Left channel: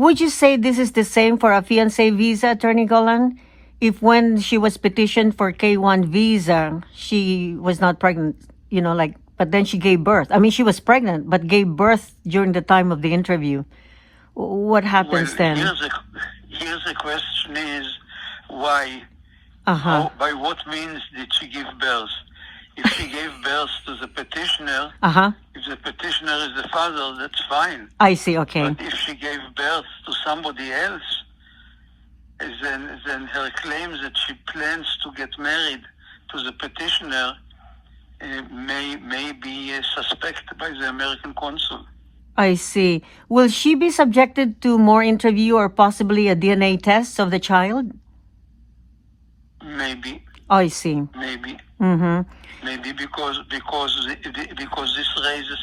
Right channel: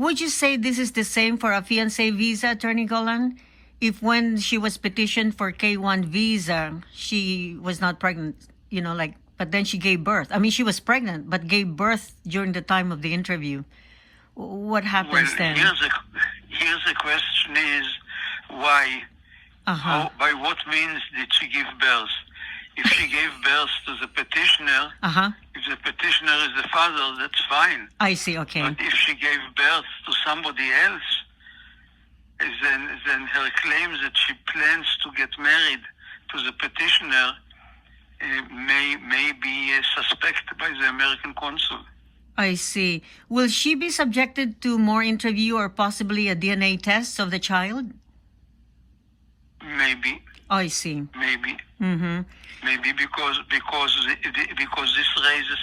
Would you say this is the same for a fiancé visa, Attorney Golan? If when she was petitioned for K-1 visa, she was not pregnant, but then she gave birth. I mean, she was pregnant, but gave birth during the time of the interview. What happens then? Here's the question is, why? By what means did she give birth? If she gave birth to the petitioner, if the petitioner is the father, that's fine. I see, okay. But if she gave birth to somebody else, then her claims that she plans to get married to the petitioner may be suspected by the American consul. I see. Will she be subjected to more interview or possibly a DNA test of the child? Maybe. I see. Maybe. Mm-hmm. Maybe because this raises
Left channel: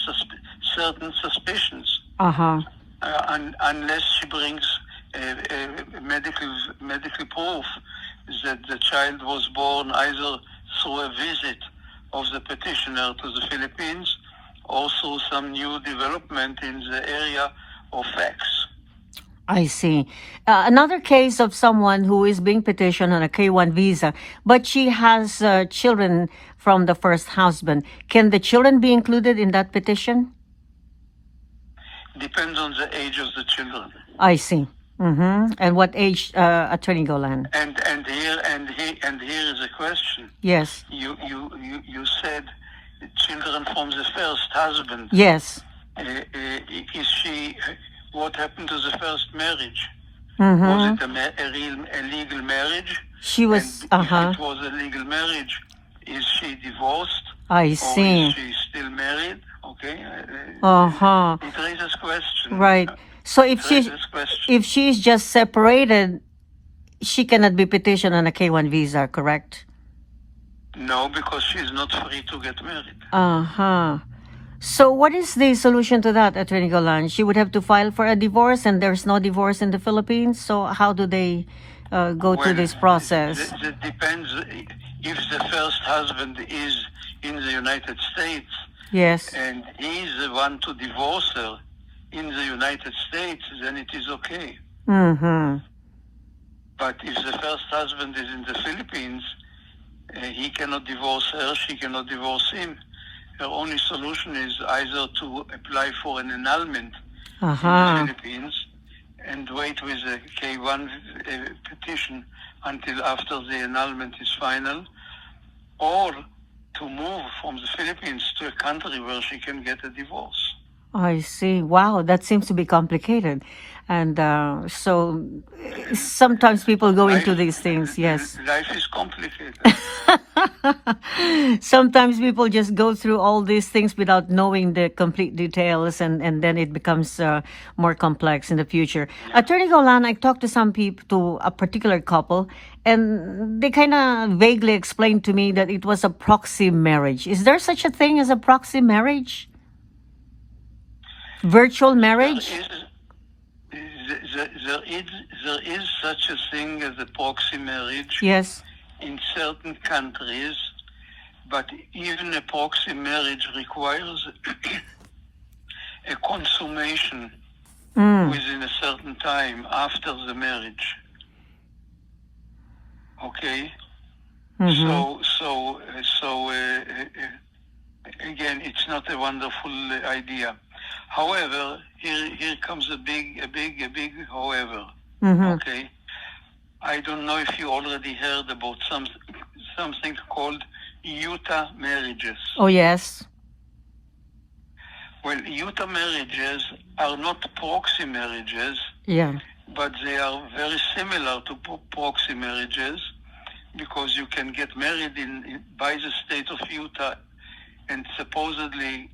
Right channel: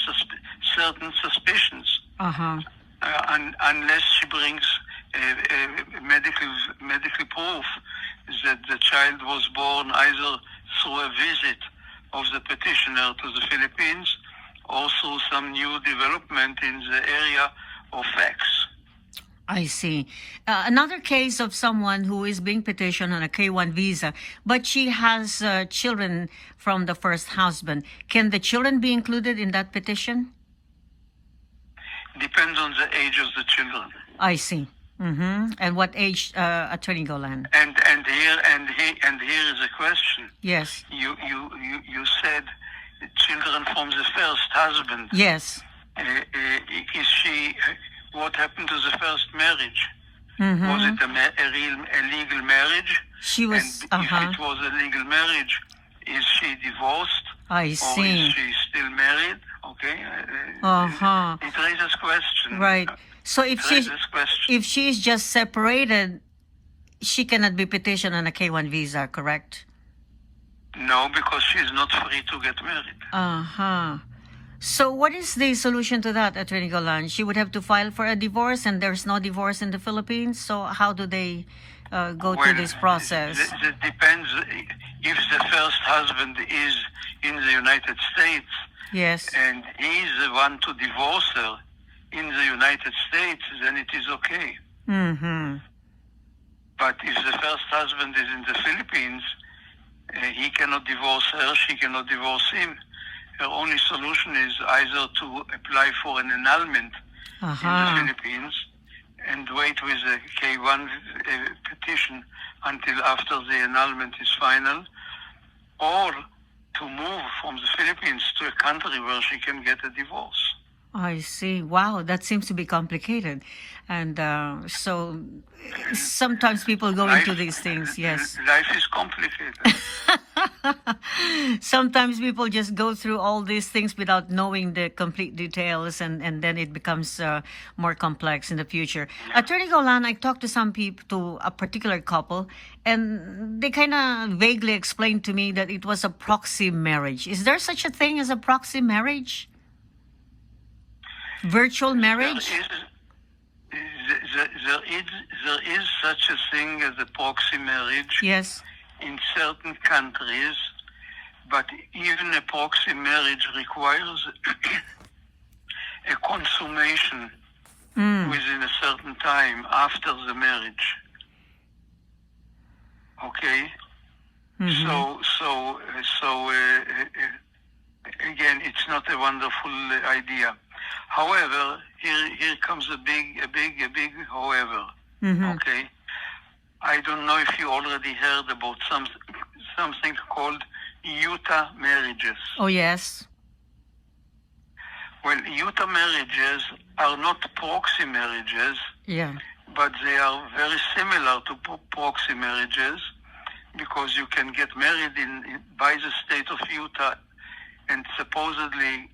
certain suspicions. Unless she brings medical proof that the child was born either through a visit of the petitioner to the Philippines or through some new development in the area of facts. I see. Another case of someone who is being petitioned on a K-1 visa, but she has children from the first husband. Can the children be included in that petition? Depends on the age of the children. I see. Mm-hmm. And what age, Attorney Golan? And here is a question. Yes. You said children from the first husband. Yes. Is she? What happened to the first marriage? Mm-hmm. Was it a legal marriage? She was. And if it was a legal marriage, is she divorced? I see. Or is she still married? Okay. It raises question. Right. So if she's just separated, she cannot be petitioned on a K-1 visa, correct? No, because she's not free to get married. So what is the solution to that, Attorney Golan? She would have to file for a divorce, and there's no divorce in the Philippines. So how do they go through this process? It depends. If the first husband is in the United States, yes, and he's the one to divorce her in the United States, then it is okay. Mm-hmm. But if the first husband is in the Philippines, he cannot divorce her, she cannot divorce him. Her only solution is either to apply for an annulment in the Philippines and wait with a K-1 petition until after the annulment is final, or to move from the Philippines to a country where she can get a divorce. I see. Wow, that seems to be complicated. And so sometimes people go into these things, yes. Life is complicated. Sometimes people just go through all these things without knowing the complete details, and then it becomes more complex in the future. Yeah. Attorney Golan, I talked to some people, to a particular couple, and they kind of vaguely explained to me that it was a proxy marriage. Is there such a thing as a proxy marriage? Virtual marriage? There is such a thing as a proxy marriage. Yes. In certain countries, but even a proxy marriage requires a consummation within a certain time after the marriage. Okay? Mm-hmm. So again, it's not a wonderful idea. However, here comes a big however. Mm-hmm. Okay? I don't know if you already heard about something called Utah marriages. Oh, yes. Well, Utah marriages are not proxy marriages, but they are very similar to proxy marriages because you can get married by the state of Utah and supposedly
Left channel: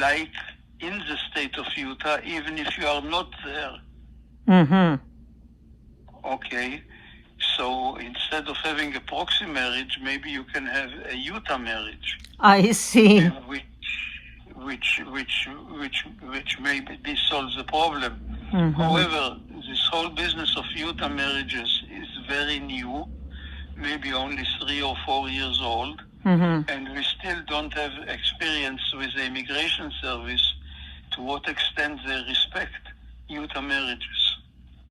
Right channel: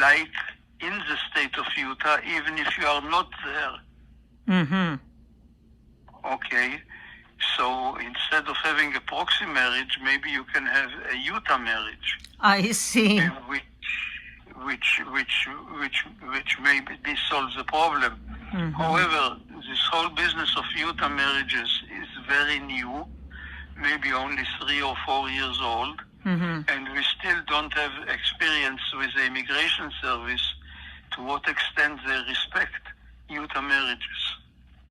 like in the state of Utah, even if you are not there. Mm-hmm. Okay, so instead of having a proxy marriage, maybe you can have a Utah marriage. I see. Which maybe solves the problem. Mm-hmm. However, this whole business of Utah marriages is very new, maybe only 3 or 4 years old, and we still don't have experience with the immigration service to what extent they respect Utah marriages.